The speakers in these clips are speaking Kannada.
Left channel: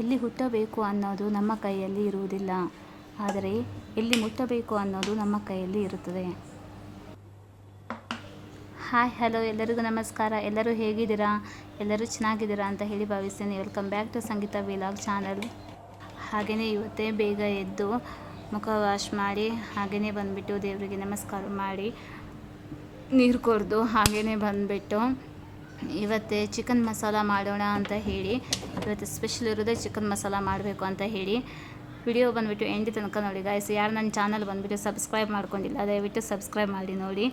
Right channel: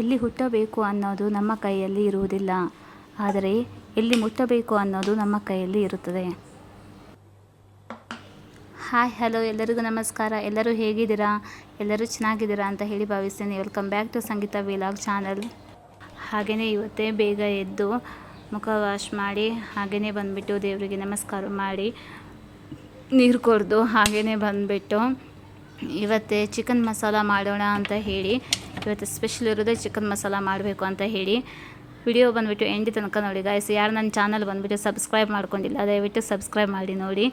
ಎಲ್ಲಿ ಹುಟ್ಟಬೇಕು ಅನ್ನೋದು ನಮ್ಮ ಕೈಯಲ್ಲಿ ಇರುವುದಿಲ್ಲ, ಆದರೆ ಎಲ್ಲಿ ಮುಟ್ಟಬೇಕು ಅನ್ನೋದು ನಮ್ಮ ಕೈಯಲ್ಲಿ ಇರುತ್ತದೆ. ಹಾಯ್ ಹಲೋ ಎಲ್ಲರಿಗೂ ನಮಸ್ಕಾರ. ಎಲ್ಲರೂ ಹೇಗಿದ್ದೀರಾ? ಎಲ್ಲರೂ ಚೆನ್ನಾಗಿದ್ದೀರಾ ಅಂತ ಹೇಳಿ ಭಾವಿಸ್ತೇನೆ. Welcome back to Sangeetha vlog channel. ಹಾಗೆಯೇ ಇವತ್ತೇ ಬೇಗ ಎದ್ದು ಮುಖ ವಾಶ್ ಮಾಡಿ ಹಾಗೆಯೇ ಬಂದುಬಿಟ್ಟು ದೇವರಿಗೆ ನಮಸ್ಕಾರ ಮಾಡಿ ನೀರು ಕುಡಿದು ಹಾಗೆಯೇ ಬಂದುಬಿಟ್ಟು ಇವತ್ತೇ ಚಿಕನ್ ಮಸಾಲ ಮಾಡೋಣ ಅಂತ ಹೇಳಿ, ಇವತ್ತು ಸ್ಪೆಷಲ್ ಇರೋದೇ ಚಿಕನ್ ಮಸಾಲ ಮಾಡಬೇಕು ಅಂತ ಹೇಳಿ ವಿಡಿಯೋ ಬಂದುಬಿಟ್ಟು ಎಂಡಿ ತನಕ ನೋಡಿ ಗಾಯ್ಸ್. ಯಾರು ನನ್ನ ಚಾನಲ್ ಬಂದುಬಿಟ್ಟು ಸಬ್ಸ್ಕ್ರೈಬ್ ಮಾಡ್ಕೊಂಡಿಲ್ಲ ದಯವಿಟ್ಟು ಸಬ್ಸ್ಕ್ರೈಬ್ ಮಾಡಿ ನೋಡಿ.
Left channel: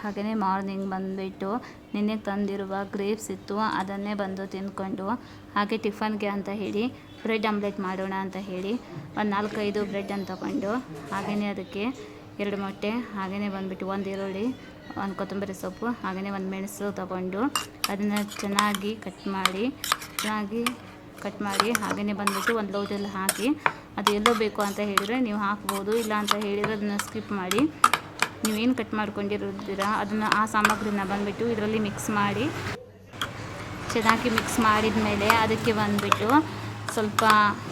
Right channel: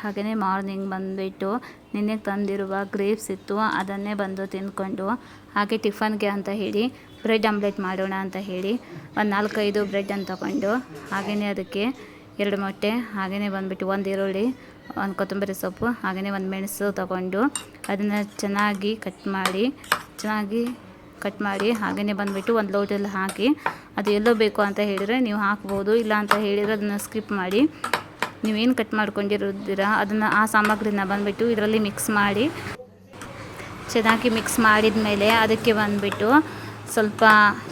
ಹಾಗೆಯೇ ಮಾರ್ನಿಂಗ್ ಬಂದುಬಿಟ್ಟು ನಿನ್ನೆ ತಂದಿರುವ ಗ್ರೇಪ್ಸ್ ಇತ್ತು, ಅದನ್ನೇ ಬಂದು ತಿಂದ್ಕೊಂಡು ಹಾಗೆ ಟಿಫನ್ಗೆ ಅಂತ ಹೇಳಿ ಬ್ರೆಡ್ ಆಮ್ಲೆಟ್ ಮಾಡೋಣ ಅಂತ ಹೇಳಿ ಒಂದು 4-5 ಬ್ರೆಡ್ಡನ್ನು ತಗೊಂಡು ಹಾಗೆಯೇ ಅದಕ್ಕೆ 2 ಮೊಟ್ಟೆ ಹಾಗೆಯೇ ಬಂದುಬಿಟ್ಟು 1 ಈರುಳ್ಳಿ, 1 ಕೊತ್ತಂಬರಿ ಸೊಪ್ಪು ಹಾಗೆಯೇ 1 ಮೆಣಸು ತಗೊಂಡು ಅದನ್ನು ಚೆನ್ನಾಗಿ ಕಟ್ ಮಾಡಿ ಹಾಗೆಯೇ ಬಂದುಬಿಟ್ಟು ಒಂದು ಲೋಟಲ್ಲಿ ಹಾಕಿ, ಅದು ಎಲ್ಲೋ ಬೇಕು ಅಂತ ಹೇಳಿದರೆ ನೀವು ಹಾಕ್ಬೋದು, ಇಲ್ಲ ಅಂತ ಹೇಳಿದರೆ ಅದನ್ನು ಸ್ಕಿಪ್ ಮಾಡಿ ನೀವೇನು ಕಟ್ ಮಾಡ್ಕೊಂಡಿರೋದಿರಾ ಅದನ್ನು ಆ ಸಾಮಗ್ರಿನ ಬಂದುಬಿಟ್ಟು ಇದರಲ್ಲಿ ಮಿಕ್ಸ್ ಮಾಡಿ ಚೆನ್ನಾಗಿ ಮಿಕ್ಸ್ ಮಾಡಿದ ಮೇಲೆ ಅದಕ್ಕೆ ಬಂದುಬಿಟ್ಟು ಸ್ವಲ್ಪ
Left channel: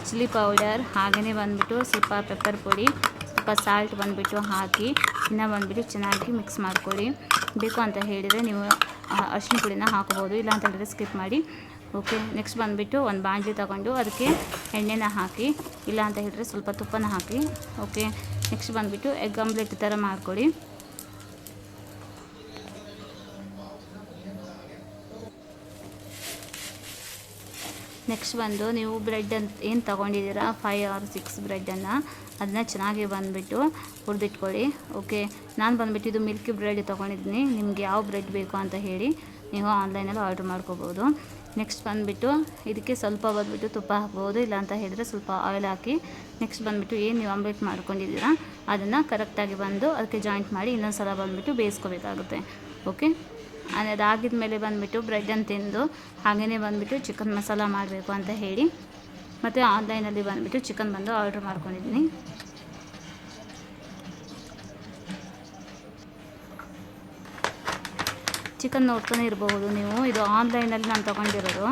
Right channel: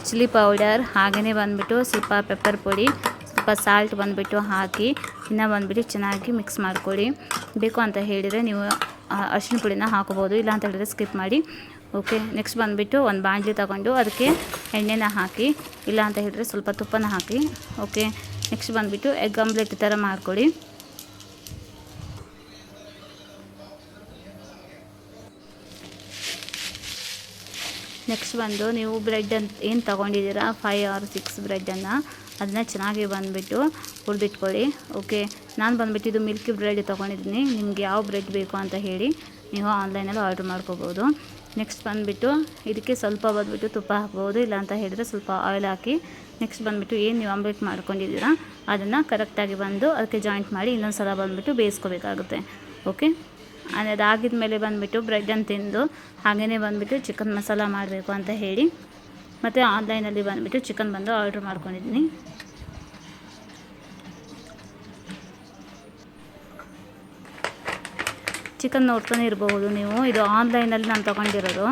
ಚಿಲ್ಲಿ ಪೌಡರ್ ಹಾಗೆಯೇ ಬಂದುಬಿಟ್ಟು ಸ್ವಲ್ಪ ಪೆಪ್ಪರ್ ಪುಡಿ, ಸ್ವಲ್ಪ ಸಾಲ್ಟ್ ಬಂದುಬಿಟ್ಟು ಹಾಕಿ ಇನ್ನು ಬಂದುಬಿಟ್ಟು ಚೆನ್ನಾಗಿ ಮಿಕ್ಸ್ ಮಾಡ್ಕೊಳ್ಳಿ. ಬೇಕು ಅಂತ ಹೇಳಿದರೆ ನೀವು ಅರಿಶಿನ ಪುಡಿನ ಹಾಕೋಬೋದು, ಇಲ್ಲ ಅಂತ ಹೇಳಿದರೆ ಸ್ಕಿಪ್ ಮಾಡಿ. ಓಕೆ, ನೆಕ್ಸ್ಟ್ ಬಂದುಬಿಟ್ಟು ಒಂದು ಬಾಣಲಿ ತಗೊಂಡು ಅದಕ್ಕೆ ಎಣ್ಣೆನ ಹಾಕಿ, ಇಲ್ಲ ಅಂತ ಹೇಳಿದರೆ ಸ್ವಲ್ಪ ತುಪ್ಪನ ಹಾಕಿ. ಓಕೆ, ನೆಕ್ಸ್ಟ್ ಬಂದುಬಿಟ್ಟು ಎಗ್ ಆಮ್ಲೆಟ್ ಥರ ಮಾಡ್ಕೊಳ್ಳಿ. ನೆಕ್ಸ್ಟ್ ಬಂದು ನೀವು ಬ್ರೆಡ್ ಅಂತ ಏನು ತೊಗೊಂಡಿದ್ದೀರಾ 5 or 6 ಬ್ರೆಡ್ಡನ್ನು ಅದನ್ನ ಚೆನ್ನಾಗಿ ಬಂದುಬಿಟ್ಟು ಹುರಿದಿಟ್ಕೊಳ್ಳಿ. ಓಕೆ, ನಾನು ಬಂದುಬಿಟ್ಟು ಇದು ಮಿಲ್ಕಿ ಬ್ರೆಡ್ ತೊಗೊಂಡಿದ್ದೀನಿ, ನಿಮಗೆ ಯಾವ ಬ್ರೆಡ್ ಬೇಕು ಅಂತ ಹೇಳಿ ನೀವು ಆನ್ಲೈನಲ್ಲಿ ಆರ್ಡ್ರ್ ಮಾಡ್ಕೋಬೋದು. ನೆಕ್ಸ್ಟ್ ಬಂದುಬಿಟ್ಟು ಇದಕ್ಕೆ ಸ್ವಲ್ಪ ಬಂದುಬಿಟ್ಟು ತುಪ್ಪ ಹಾಕ್ಬೋದು, ಇಲ್ಲ ಅಂತ ಹೇಳಿದರೆ ಸ್ವಲ್ಪ ಆಯಿಲ್ ಹಾಕಿ ನೆಕ್ಸ್ಟ್ ಬಂದುಬಿಟ್ಟು ಏನು ನೀವು ಆಮ್ಲೆಟ್ ಮಾಡ್ಕೊಂಡಿದ್ದೀರಾ ಅದನ್ನು ಕರೆಕ್ಟಾಗಿ ಬಂದು ಅದಕ್ಕೆ ಜಾಯಿಂಟ್ ಮಾಡಿ ಇನ್ನೊಂದು ಸಲ ಬಂದುಬಿಟ್ಟು ಬೇಯಿಸ್ಕೋಬೇಕಾಗುತ್ತೆ. ಓಕೆ, ಅದಾಗಿದ ಮೇಲೆ ಬಂದುಬಿಟ್ಟು ಬ್ರೆಡ್ಡನ್ನು ತಿಂದು ಹಾಗೆಯೇ ಬಂದುಬಿಟ್ಟು ಚಿಕನ್ ಮಸಾಲ ಮಾಡಬೇಕು ಅಂತ ಹೇಳಿ ಮತ್ತು ಆನ್ಲೈನಲ್ಲಿ ಬಂದುಬಿಟ್ಟು ಚಿಕನ್ ಬಂದು ಆರ್ಡ್ರ್ ಮಾಡ್ಕೊಂಡಿದ್ದೀನಿ. ಚಿಕನ್ ನೋಡ್ತಾನೆ ಇರಬಹುದು ನೀವು, ಇದು ಆನ್ಲೈನಲ್ಲಿ ನಾನು ತೊಗೊಂಡಿರೋದು.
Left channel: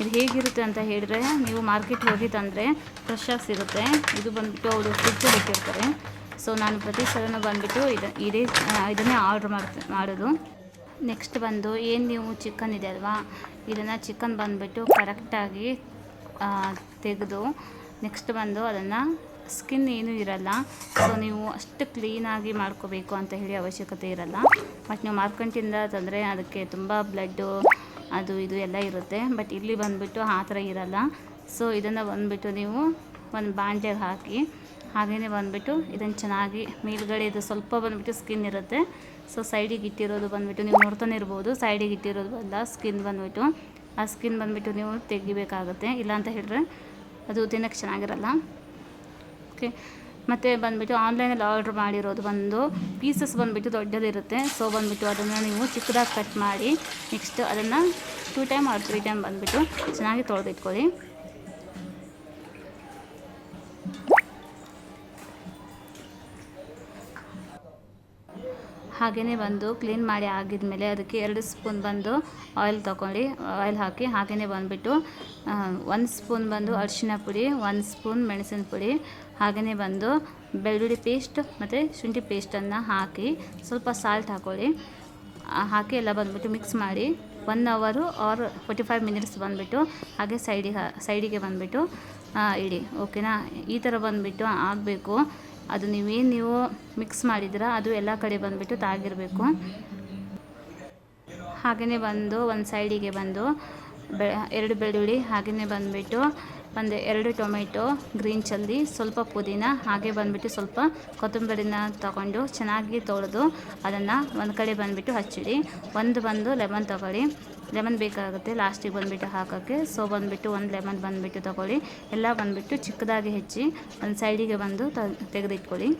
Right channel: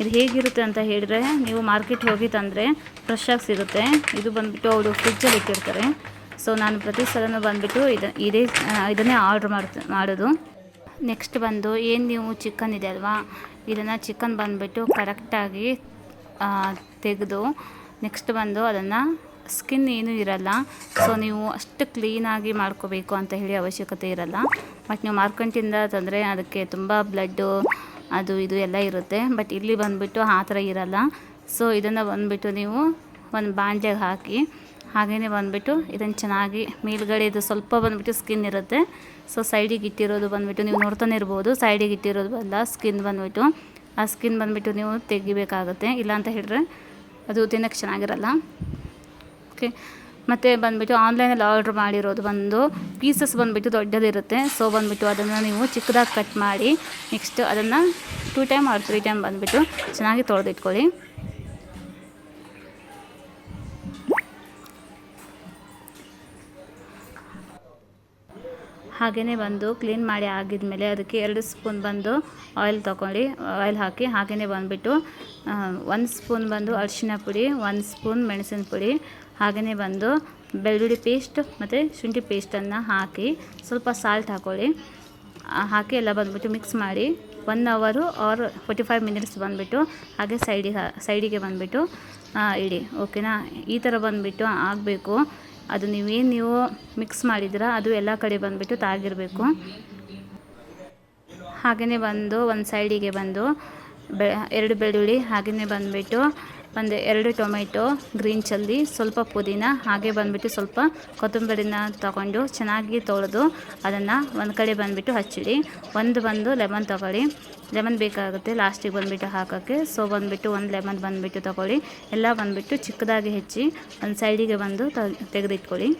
ಇದು ಹೇಗಿರುತ್ತೆ ಅಂತ ಹೇಳಿದ್ರೆ ನೀವು ಮಾರ್ಕೆಟ್ ಹೋಗಿ ತಂದರೆ ಫ್ರೆಶ್ಶಾಗಿ ಸಿಗುತ್ತೆ. ಇದು ಬಂದುಬಿಟ್ಟು ಅವರು ಫ್ರಿಜ್ಜಲ್ಲಿ ಇಟ್ಟಿರ್ತಾರೆ. ಸೊ ನಾನು ಪ್ರತಿ ಸಲನೂ ಬಂದುಬಿಟ್ಟು ಇದನ್ನೇ ಆರ್ಡ್ರ್ ಮಾಡೋದು. ನೆಕ್ಸ್ಟ್ ಬಂದು ಏನು ನೀವು ಚಿಕನ್ ಇದೆ ಅಲ್ವಾ, ಇದನ್ನು ಚಿಕನ್ ಬಂದುಬಿಟ್ಟು ಕರೆಕ್ಟಾಗಿ ತೆಗೆದು ನೆಕ್ಸ್ಟ್ ಬಂದು ಅದನ್ನು ಸ್ಕಿನ್ ಏನೂ ಇರಲ್ಲ, ಸೊ ನೀವು ಅಷ್ಟು ಕ್ಲೀನಾಗಿ ಮಾಡ್ಕೋಬೇಕು ಅಂತ ಹೇಳಿ ಅವಶ್ಯಕತೆ ಇರಲ್ಲ. ಬಟ್ ನೀವು ಮಾರ್ಕೆಟಿಂದ ತಂದರೆ ಅದಕ್ಕೆ ತುಂಬ ಬ್ಲಡ್ಡು ಅದು ಇದು ಎಲ್ಲ ಇರುತ್ತೆ, ಬಟ್ ಇಲ್ಲಿ ಬಂದುಬಿಟ್ಟು ಆ ಥರ ಇರಲ್ಲ. ಸೊ ಇದನ್ನು ಬಂದುಬಿಟ್ಟು ನೀವು ಒಂದು ಬಾಣಲೆಗೆ ಹಾಕಿ ಹಾಗೆಯೇ ಬಂದುಬಿಟ್ಟು ಇದನ್ನು ಚೆನ್ನಾಗಿ ಮೇಲ್ಗಡೆ ಇದು ಸ್ವಲ್ಪ ಬಂದುಬಿಟ್ಟು ಸ್ಕಿನ್ ಇರುತ್ತೆ, ಸೊ ಸೈಡಿಗೆ ಇಟ್ಟಿರೋದು ಬಂದುಬಿಟ್ಟು ನೀವು ನೋಡ್ತಾನೆ ಇರ್ಬೋದು, ಸೈಡಿಗೆ ಇಟ್ಟಿರೋದು ಅಲ್ಲ ಸ್ಕಿನ್ ಬಂದುಬಿಟ್ಟು ಆ ಸ್ಕಿನ್ ಬಂದುಬಿಟ್ಟು ನೀವು ತೆಗಿಬೇಕಾಗುತ್ತೆ, ಇಲ್ಲ ಅಂತ ಹೇಳಿದ್ರೆ ಅದು ತಿನ್ನೋಕ್ಕೆ ಚೆನ್ನಾಗಿರಲ್ಲ. ಓಕೆ, ಮತ್ತು ಬಂದುಬಿಟ್ಟು ಆನ್ಲೈನಲ್ಲಿ ಆರ್ಡ್ರ್ ಮಾಡಿರೋದು ಬಂದು ಪೀಸಸ್ ಬಂದುಬಿಟ್ಟು ದೊಡ್ಡದಿರುತ್ತೆ. ಸೊ ಬಂದುಬಿಟ್ಟು ಅದನ್ನು ನೀವು ಚಿಕ್ಕದಾಗಿ ಕಟ್ ಮಾಡಿ ನೆಕ್ಸ್ಟ್ ಅದನ್ನು 2 ಟೈಮ್ or 3 ಟೈಮ್ ಬಂದುಬಿಟ್ಟು ಚೆನ್ನಾಗಿ ತೊಳೆದಿಟ್ಕೊಳ್ಳಿ. ಹಾಗೆಯೇ ಬಂದು ಕ್ಲೀನ್ ಮಾಡಿ ಆಗಿದ್ಮೇಲೆ ಅದಕ್ಕೆ 2 ಸ್ಪೂನ್ ಬಂದು ಆಯಿಲ್ ಹಾಕಿ ಹಾಗೆಯೇ ಬಂದುಬಿಟ್ಟು 1 ಸ್ಪೂನ್ ಬಂದು ಅರಿಶಿನ ಪುಡಿ, 1 ಸ್ಪೂನ್ ಮೆಣಸಿನ ಪುಡಿ ಹಾಗೆಯೇ ಬಂದು ಬೆಳ್ಳುಳ್ಳಿ ಪೇಸ್ಟ್ ಮತ್ತು ಶುಂಠಿ ಪೇಸ್ಟನ್ನು ಹಾಕಿ ಸ್ವಲ್ಪ ಸಾಲ್ಟ್ ಹಾಕ್ಕೊಳ್ಳಿ. ಹಾಕಿ ಎಲ್ಲ ಬಂದುಬಿಟ್ಟು ಮಿಕ್ಸ್ ಮಾಡಿ 1 hour or 45 minutes ಬಂದುಬಿಟ್ಟು ಹಾಗೆ ಸೈಡಿಗೆ ಬಂದುಬಿಟ್ಟು ಇಡಿ. ಓಕೆನಾ, ಈ ಥರ ಬಂದುಬಿಟ್ಟು ಆಗಬೇಕು. ಅದು ನೀವು ಮಿಕ್ಸ್ ಮಾಡಿದ್ದೀರಾ ಅದು ಎಲ್ಲ ಕಡೆ ಬಂದುಬಿಟ್ಟು ತಾಗಿರಬೇಕು. ಹಾಗೆಯೇ ಬಂದು ಒಂದು ಸೈಡಿಗೆ ಬಂದು 2 ಬೆಳ್ಳುಳ್ಳಿ ಹಾಗೆಯೇ ಬಂದುಬಿಟ್ಟು 2 ಟೊಮೆಟೊ, ಗ್ರೀನ್ ಚಿಲ್ಲಿ, ಸ್ವಲ್ಪ ಪುದೀನ ಹಾಗೆ ಬಂದುಬಿಟ್ಟು ಸ್ವಲ್ಪ ಕೊತ್ತಂಬರಿನ ತಗೊಂಡು ಚೆನ್ನಾಗಿ ತೊಳೆದು ಅದನ್ನು ಒಂದು ಕಡೆ ಬಂದುಬಿಟ್ಟು ಹಚ್ಚಿಡಿ. ಬಂದು ಲೆಮನ್ ತೊಗೊಳ್ಳಿ, ಲೆಮನ್ ಬೇಕಾಗುತ್ತೆ ಲಾಸ್ಟಿಗೆ ಬಂದುಬಿಟ್ಟು ಹಾಕೋಕ್ಕೆ. ಸೊ ಬಂದುಬಿಟ್ಟು 1 ಲೆಮನ್ ಬಂದುಬಿಟ್ಟು ತೊಗೊಳ್ಳಿ, ಎಲ್ಲ ಬಂದುಬಿಟ್ಟು ಚಿಕ್ಕದಾಗಿ ಹೆಚ್ಚಿ ಒಂದು ಸೈಡಿಗೆ ಬಂದು ತೆಗೆದಿಟ್ಕೊಳ್ಳಿ.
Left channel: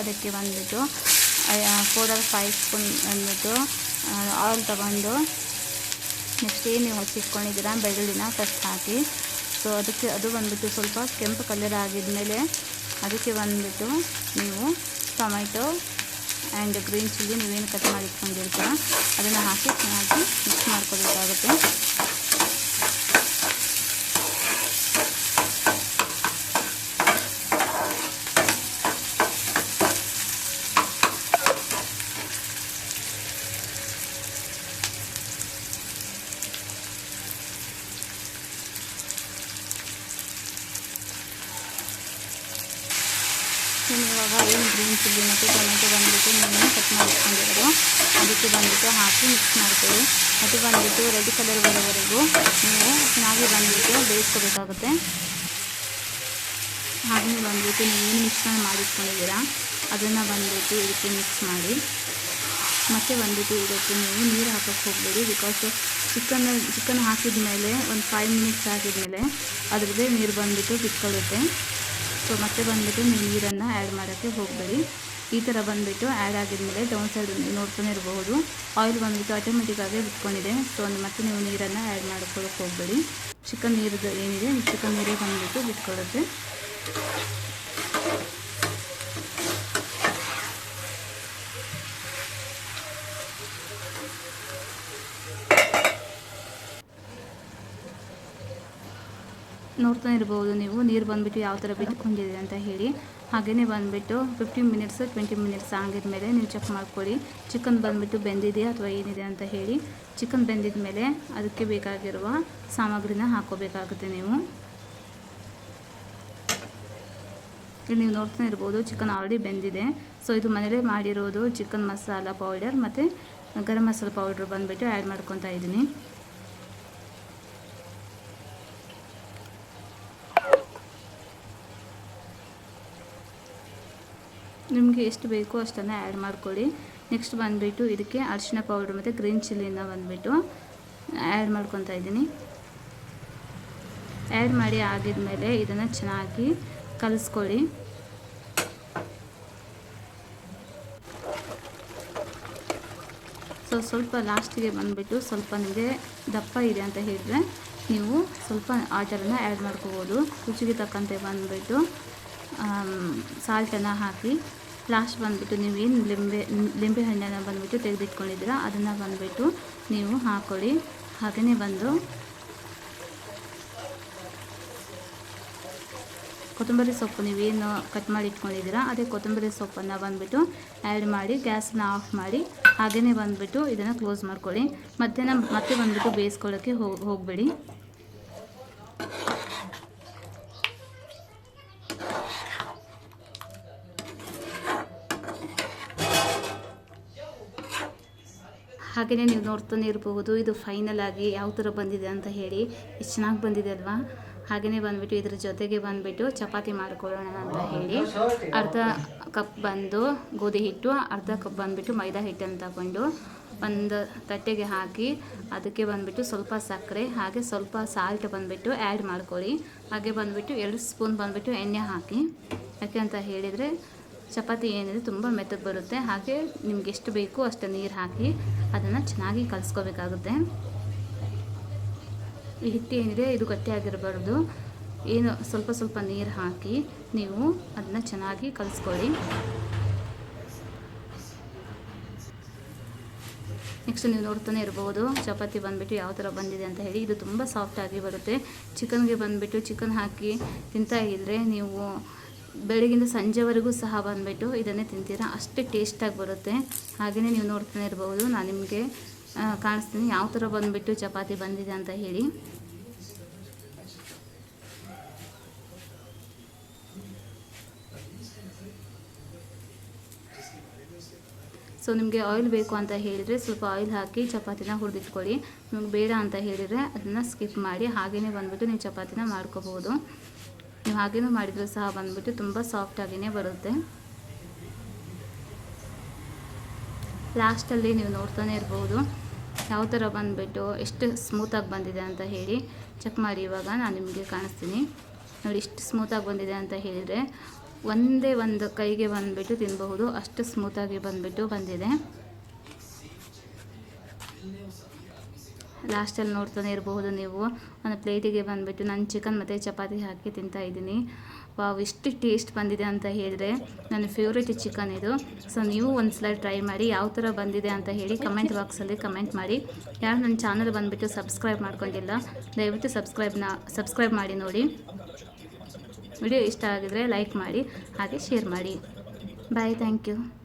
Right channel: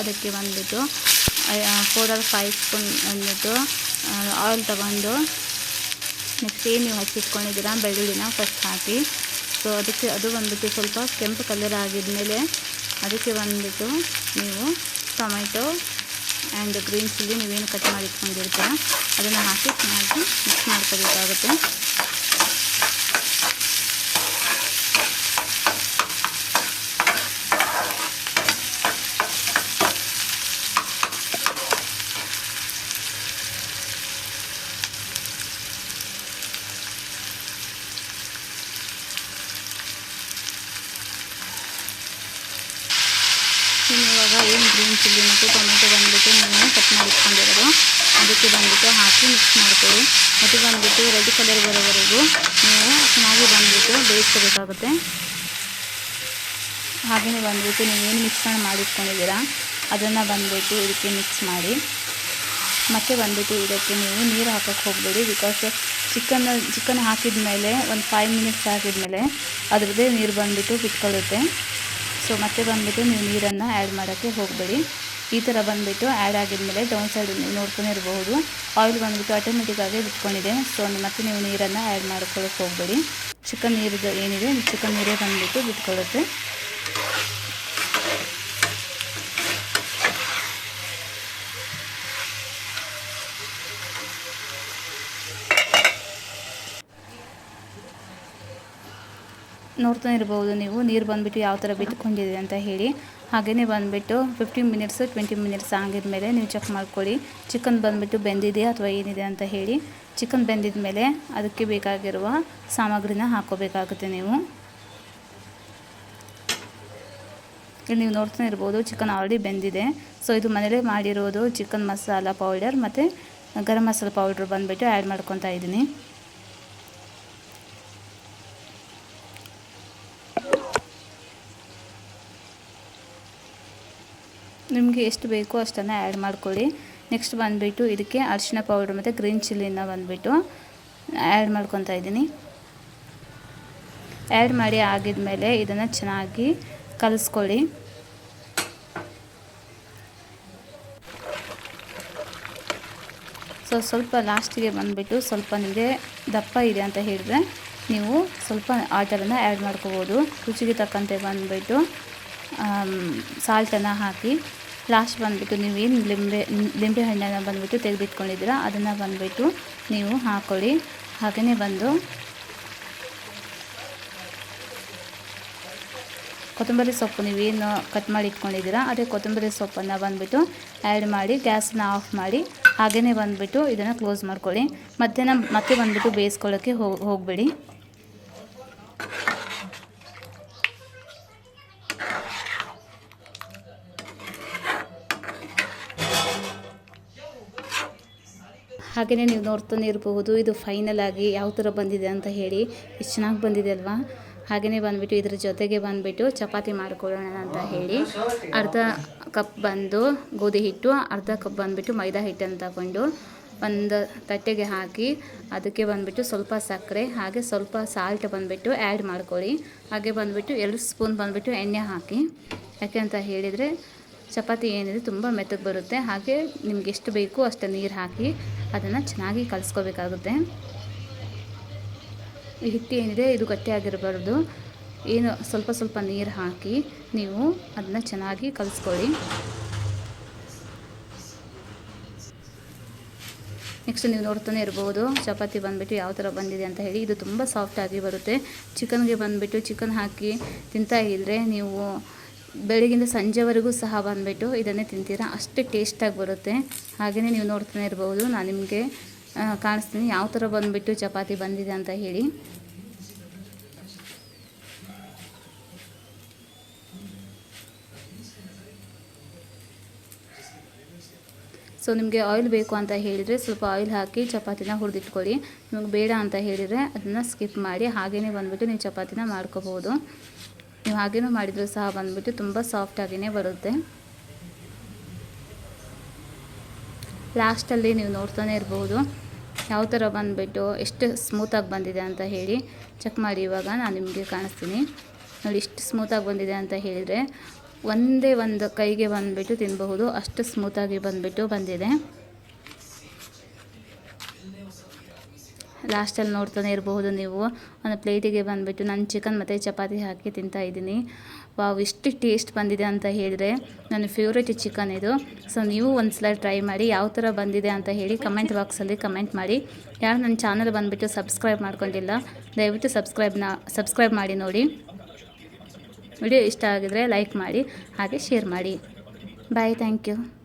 ಅದಕ್ಕೆ ಬಂದುಬಿಟ್ಟು 4 or 5 ಸ್ಪೂನ್ ಬಂದುಬಿಟ್ಟು ಆಯಿಲ್ ತಗೊಂಡು ನೆಕ್ಸ್ಟ್ ಏನು ನೀವು ಹಚ್ಚಿಟ್ಕೊಂಡಿದ್ದೀರಾ ಬೆಳ್ಳುಳ್ಳಿನ ಫಸ್ಟ್ ಹಾಕಿ. ಸೊ ಅದಕ್ಕೆ ಅದು ಬಂದುಬಿಟ್ಟು ಸ್ವಲ್ಪ ಕೆಂಪು ಕಲರ್ ಆಗಿದ್ಮೇಲೆ ಅದಕ್ಕೆ ಬಂದುಬಿಟ್ಟು ನೀವು ಟೊಮೆಟೊ ಆ್ಯಂಡ್ ಗ್ರೀನ್ ಚಿಲ್ಲಿ ನೀವೇನು ಕಟ್ ಮಾಡಿ ಇಟ್ಕೊಂಡಿರ್ತೀರ ಅದನ್ನು ಹಾಕಿ ಚೆನ್ನಾಗಿ ಮಿಕ್ಸ್ ಮಾಡ್ಕೋಬೇಕಾಗುತ್ತೆ. ಇವಾಗ ಏನು ಗ್ರೀನ್ ಚಿಲ್ಲಿ ಮತ್ತು ಟೊಮೆಟೊ ಬಂದುಬಿಟ್ಟು ನೀವು ಕಟ್ ಮಾಡಿ ಇಟ್ಕೊಂಡಿರೋದು ಅದಕ್ಕೆ ಬಂದುಬಿಟ್ಟು ಹಾಕಿ ಮಿಕ್ಸ್ ಮಾಡ್ಕೊಳ್ಳಿ. ಮತ್ತು ಬಂದುಬಿಟ್ಟು ರೆಡ್ ಕಲರ್ ಬರೋವರೆಗೂ ನೀವು ಚೆನ್ನಾಗಿ ಬಂದುಬಿಟ್ಟು ಬೇಯಿಸ್ಕೋಬೇಕಾಗುತ್ತೆ. ಹಾಗೆಯೇ ಬಂದುಬಿಟ್ಟು ನೀವೇನು ಮಿಶ್ರಣ ಮಾಡಿಟ್ಕೊಂಡಿದ್ದೀರಾ ಅದನ್ನು ಬಂದುಬಿಟ್ಟು ಇದಕ್ಕೆ ಮಿಕ್ಸ್ ಮಾಡಿ. ಮತ್ತು ಬಂದುಬಿಟ್ಟು ಇದಕ್ಕೆ ನೀವು ನೀರು ಹಾಕೋಕ್ಕೆ ಹೋಗಬೇಡಿ, ಬಿಕಾಸ್ ಚಿಕನ್ ಹಾಕಿದ ಮೇಲೆ ಒಂದು 5 ಮಿನಿಟ್ಸ್ ಹಾಕಿದ್ಮೇಲೆ ಅದರದ್ದೇ ನೀರು ಬಂದುಬಿಟ್ಟು ಬಿಟ್ಕೊಳ್ಳುತ್ತೆ. ಸೊ ಮತ್ತೆ ಬಂದುಬಿಟ್ಟು ನೀವು ನೀರನ್ನು ಆ್ಯಡ್ ಮಾಡೋಕ್ಕೆ ಹೋಗಬೇಡಿ. ಈ ಥರ ಬಂದುಬಿಟ್ಟು ಆ್ಯಡ್ ಆಗಿದ್ಮೇಲೆ ಡೌನ್ ಸೈಡ್ ನೋಡ್ತಾನೆ ಇರಬಹುದು ಆಯಿಲ್ ಬಂದುಬಿಟ್ಟು ಆಟೋಮೆಟಿಕ್ಕಾಗಿ ಬಿಟ್ಕೊಂಡಿದೆ. ಸೊ ಮತ್ತೆ ನೀವು ನೀರನ್ನು ಆ್ಯಡ್ ಮಾಡ್ಕೊಳ್ಳೋಕ್ಕೆ ಹೋಗಬೇಡಿ. ಚಿಕನ್ ನೀರು ಏನಿದೆ ಚಿಕನ್ ನೀರೇ ಬಂದುಬಿಟ್ಟು ಬಿಟ್ಕೊಳ್ಳುತ್ತೆ. ನೋಡ್ತಾ ಇರ್ಬೋದು ನೀವು ನೀರು ಬಂದುಬಿಟ್ಟು ಯಾವ ಥರ ಬಿಟ್ಕೊಂಡಿದೆ ಅಂತ ಹೇಳಿ. ಹಾಗೆಯೇ ಬಂದುಬಿಟ್ಟು 15 ಮಿನಿಟ್ಸ್ 20 ಮಿನಿಟ್ಸ್ ಆಗಿದ್ಮೇಲೆ ನೀವು ಚೆಕ್ ಮಾಡ್ಕೊಳ್ಳಿ ಚಿಕನ್ ಬಂದುಬಿಟ್ಟು ಬೆಂದಿದೆ ಅಥವಾ ಏನಿದೆ ಅಂತ ಹೇಳಿ. ಚಿಕನ್ ಬೆಂದಿದ ಮೇಲೆ ಅದಕ್ಕೆ ಬೇಕಾಗಿರುವ ಸಾಮಗ್ರಿನ ಹಾಕ್ಕೋಬೇಕಾಗುತ್ತೆ ನೀವು. ಇಲ್ಲಿ ನೀವು ನೋಡ್ತಾ ಇರ್ಬೋದು ಚಿಕನ್ ಆಲ್ರೆಡಿ ಬೆಂದಿದೆ. ಸೊ ಇದು ಮನೇಲೇ ಮಾಡಿರೋದು ಚಿಕನ್ ಮಸಾಲ ಪೌಡರ್ ಮತ್ತು ಗರಂ ಮಸಾಲ ಪೌಡ್ರ್ ಬಂದುಬಿಟ್ಟು ಆ್ಯಡ್ ಮಾಡ್ಕೊತಾ ಇದ್ದೀನಿ. ನಿಮಗೆ ಎಷ್ಟು ಬೇಕೋ ಅಷ್ಟನ್ನು ಆ್ಯಡ್ ಮಾಡ್ಕೊಳ್ಳಿ. ನೆಕ್ಸ್ಟ್ ಬಂದುಬಿಟ್ಟು ಇದಕ್ಕೆ ಅರಿಶಿನ ಪೌಡ್ರ್ ಮತ್ತು ಗ್ರೀನ್ ಚಿಲ್ಲಿನ ಬಂದುಬಿಟ್ಟು ಆ್ಯಡ್ ಮಾಡ್ಕೊತಾ ಇದ್ದೀನಿ. ಆ್ಯಡ್ ಮಾಡಿ ಆಗಿದ್ಮೇಲೆ ಇದನ್ನು ಚೆನ್ನಾಗಿ ಕಲಿಸ್ಕೊಳ್ಳಿ. ಸೊ ಸ್ವಲ್ಪ ಲಾಸ್ಟಿಗೆ ಬಂದುಬಿಟ್ಟು ಸ್ವಲ್ಪ ನಿಮಗೆ ದಪ್ಪ ಇದೆ ಅಂತ ಹೇಳಿದ್ರೆ ನೀವು ಸ್ವಲ್ಪ ವಾಟರನ್ನು ಆ್ಯಡ್ ಮಾಡ್ಕೋಬೋದು. ರುಚಿಗೆ ತಕ್ಕಂತೆ ಬಂದುಬಿಟ್ಟು ಸಾಲ್ಟನ್ನು ಹಾಕಿ ಲಾಸ್ಟ್ ಬಂದುಬಿಟ್ಟು ನೀವೇನು ಲಿಂಬೆ ಹಣ್ಣನ್ನು ಬಂದುಬಿಟ್ಟು ತೆಗೆದಿಟ್ಕೊಂಡಿದ್ದೀರಾ ಅದನ್ನು ಬಂದುಬಿಟ್ಟು ನೀವು ಹಾಕ್ಕೊಳ್ಳಿ. ಹಾಗೆಯೇ ಬಂದು ಕೊತ್ತಂಬರಿ ಸೊಪ್ಪು ನೀವೇನು ಕಟ್ ಮಾಡಿ ಇಟ್ಕೊಂಡಿದ್ದೀರಾ ಅದೇ ಕೊತ್ತಂಬರಿ ಸೊಪ್ಪನ್ನು ಬಂದುಬಿಟ್ಟು ಆ್ಯಡ್ ಮಾಡಿ ಗ್ಯಾಸನ್ನ ಆಫ್ ಮಾಡಿ ಹಾಗೆಯೇ ಬಂದುಬಿಟ್ಟು ಇದನ್ನು ಕ್ಲೋಸ್ ಮಾಡ್ಕೊಳ್ಳಿ. ಮತ್ತೆ ಬಂದುಬಿಟ್ಟು ಬೇಯಿಸ್ಕೊಳ್ಳೋಕ್ಕೆ ಹೋಗಬೇಡಿ. ಹಾಗೆಯೇ ನೀವು ನೋಡ್ತಾನೆ ಇರಬಹುದು ಇದು ಫೈನಲ್ ಆಗಿ ಯಾವ ಥರ ಬಂದಿದೆ ಅಂತ ಹೇಳಿ. ಎಷ್ಟು ಚೆನ್ನಾಗಿ ಬಂದಿದೆ ಅಲ್ವಾ. ಹಾಗೆಯೇ ಬಂದುಬಿಟ್ಟು ಇದ್ರ ಜೊತೆಗೆ ಬಂದುಬಿಟ್ಟು ಚಪಾತಿ ಮಾಡ್ಕೊಳ್ಳೋಣ ಅಂತ ಹೇಳಿ ಅರ್ಧ ಕಪ್ ಬಂದು ಗೋಧಿ ಹಿಟ್ಟು, ಅರ್ಧ ಕಪ್ ಬಂದುಬಿಟ್ಟು ಮೈದಾ ಹಿಟ್ಟನ್ನು ತಗೊಂಡು ಒಂದು ತಟ್ಟೆಗೆ ಹಾಕಿ ಅದಕ್ಕೆ ಬಂದುಬಿಟ್ಟು ಸ್ವಲ್ಪ ಸಕ್ಕರೆ ಹಾಗೆ ಸ್ವಲ್ಪ ಸಾಲ್ಟ್ ಬಂದುಬಿಟ್ಟು ಆ್ಯಡ್ ಮಾಡ್ಕೊಳ್ಳಿ. ಹಾಗೆ ಬಂದುಬಿಟ್ಟು 2 ಸ್ಪೂನ್ ಬಂದುಬಿಟ್ಟು ಎಣ್ಣೆ ಹಾಕಿ. ಯಾಕೆ ಅಂತ ಹೇಳಿದರೆ ಚಪಾತಿ ಏನಿದೆ ತುಂಬ ಮೆತ್ತಗೆ ಬರುತ್ತೆ. ಹಾಗೆ ನಿಮ್ಗೆ ಎಷ್ಟು ಬೇಕು ಅಷ್ಟು ನೀರು ಹಾಕಿ ಅದನ್ನು ಚೆನ್ನಾಗಿ ಕಲಿಸ್ಕೋಬೇಕಾಗುತ್ತೆ. ಈ ಹಿಟ್ಟು ಏನಿದೆ ಇದು ಗಟ್ಟಿಯಾಗಿರಬಾರ್ದು. ಏನು ಸ್ವಲ್ಪ ನೀರು ಹಾಕಿ ನೀವು ಅದನ್ನು ಚೆನ್ನಾಗಿ ಕಲಿಸ್ಕೊಳ್ಳಿ. ನೆಕ್ಸ್ಟ್ ನೀವು ನೋಡ್ತಾನೆ ಇರ್ಬೋದು ಚಪಾತಿ ಬಂದುಬಿಟ್ಟು ಯಾವ ಥರ ಬಂದಿದೆ ಅಂತ ಹೇಳಿ. ಇದು ತುಂಬ ಸಾಫ್ಟಾಗಿ ಬರುತ್ತೆ. ಚಿಕನ್ಗೆ ಬಂದುಬಿಟ್ಟು ಚಿಕನ್ ಹಾಕಿ ತಿಂತಾ ಇದ್ದರೆ ನೀವು ಬೆಳಗಿಂದ ಸಂಜೆವರೆಗೂ ಸಹ ಬಂದುಬಿಟ್ಟು ಇದನ್ನೇ ತಿಂತೀರಾ, ಅಷ್ಟೇ ಟೇಸ್ಟಾಗಿ ಬರುತ್ತೆ. ಹಾಗೆಯೇ ನೀವು ನೋಡ್ತಾನೆ ಇರ್ಬೋದು ನಾನು ನಿಮಗೆ ಕಾಣಿಸ್ತೀನಿ ಯಾವ ಥರ ಬಂದುಬಿಟ್ಟು ಚಪಾತಿ ಬಂದಿದೆ ಅಂತ ಹೇಳಿ. ಸೊ ನಿಮಗೆ ಆಯಿಲ್ ಬೇಕು ಅಂತ ಹೇಳಿದರೆ ಸ್ವಲ್ಪ ಆಯಿಲ್ ಹಾಕಿ ಚಪಾತಿನ ಹುರಿದಿಟ್ಕೊಳ್ಳಿ. ನಿಮಗೆ ಬೇಡ ಅಂತ ಹೇಳಿದರೆ ಅದನ್ನು ಸ್ಕಿಪ್ ಮಾಡಿ ಹಾಗೆಯೇ ಬಂದುಬಿಟ್ಟು ನೀವು ಚಪಾತಿನ ಮಾಡ್ಕೋಬೋದು. ನೀವು ಹಾಗೇನೂ ಮಾಡಿದರೂ ಸಹ ಬಂದುಬಿಟ್ಟು ತುಂಬ ಸಾಫ್ಟಾಗಿಯೇ ಬರುತ್ತೆ. ಲಾಸ್ಟಲ್ಲಿ ನೀವು ನೋಡ್ತಾನೆ ಇರ್ಬೋದು ಯಾವ ಥರ ಬಂದುಬಿಟ್ಟು ಎಷ್ಟು ಸ್ಮೂತಾಗಿ ಬಂದಿದೆ ಅಂತ ಹೇಳಿ. ಚೆಕ್ ಮಾಡಿ ಇವಾಗ ನಾನು ನಿಮಗೆ ಕಾಣಿಸ್ತೀನಿ ನೋಡಿ ಎಷ್ಟು ಸ್ಮೂತಾಗಿ ಬಂದಿದೆ ಅಂತ ಹೇಳಿದರೆ. ಒಂದೇ ಒಂದು ಕೈಗೆ ಬಂದುಬಿಟ್ಟು ತಿನ್ನಬಹುದು, ಅಷ್ಟು ಸ್ಮೂತಾಗಿ ಬಂದಿದೆ. ಲಾಸ್ಟಲ್ಲಿ ನೋಡ್ತಾನೆ ಇರಬಹುದು ನೀವು, ಒಂದು ಪ್ಲೇಟಿಗೆ ಬಂದುಬಿಟ್ಟು ನಾನು ಚಿಕನ್ ಮತ್ತು ಚಪಾತಿ ಹಾಕಿ ತಿಂತಾ ಇದ್ದೀನಿ. ವಾವ್, ಎಷ್ಟು ಟೇಸ್ಟ್ ಬಂದಿದೆ ಅಂತ ಹೇಳಿದರೆ, ನನ್ನ ಫೇವ್ರೇಟ್ ಚಿಕನ್ ಇದು. ಸೊ ನೀವು ಒಂದು ಸಲ ಟ್ರೈ ಮಾಡಿ, ಯಾವ ಥರ ಬಂದಿದೆ ಅಂತ ಹೇಳಿ ಕಮೆಂಟ್ ಬಾಕ್ಸಲ್ಲಿ ಕಮೆಂಟ್ ಮಾಡಿ. ಯಾರು ನನ್ನ ಚಾನಲ್ ಬಂದುಬಿಟ್ಟು ಸಬ್ಸ್ಕ್ರೈಬ್ ಮಾಡ್ಕೊಂಡಿಲ್ಲ, ದಯವಿಟ್ಟು ಸಬ್ಸ್ಕ್ರೈಬ್ ಮಾಡಿ ನೋಡಿ. ವಿಡಿಯೋ ಇಷ್ಟ ಆಗಿದರೆ ಲೈಕ್ ಮಾಡಿ, ಹಾಗೆ ಶೇರ್ ಮಾಡಿ. ಬಾಯ್, ಥ್ಯಾಂಕ್ ಯು.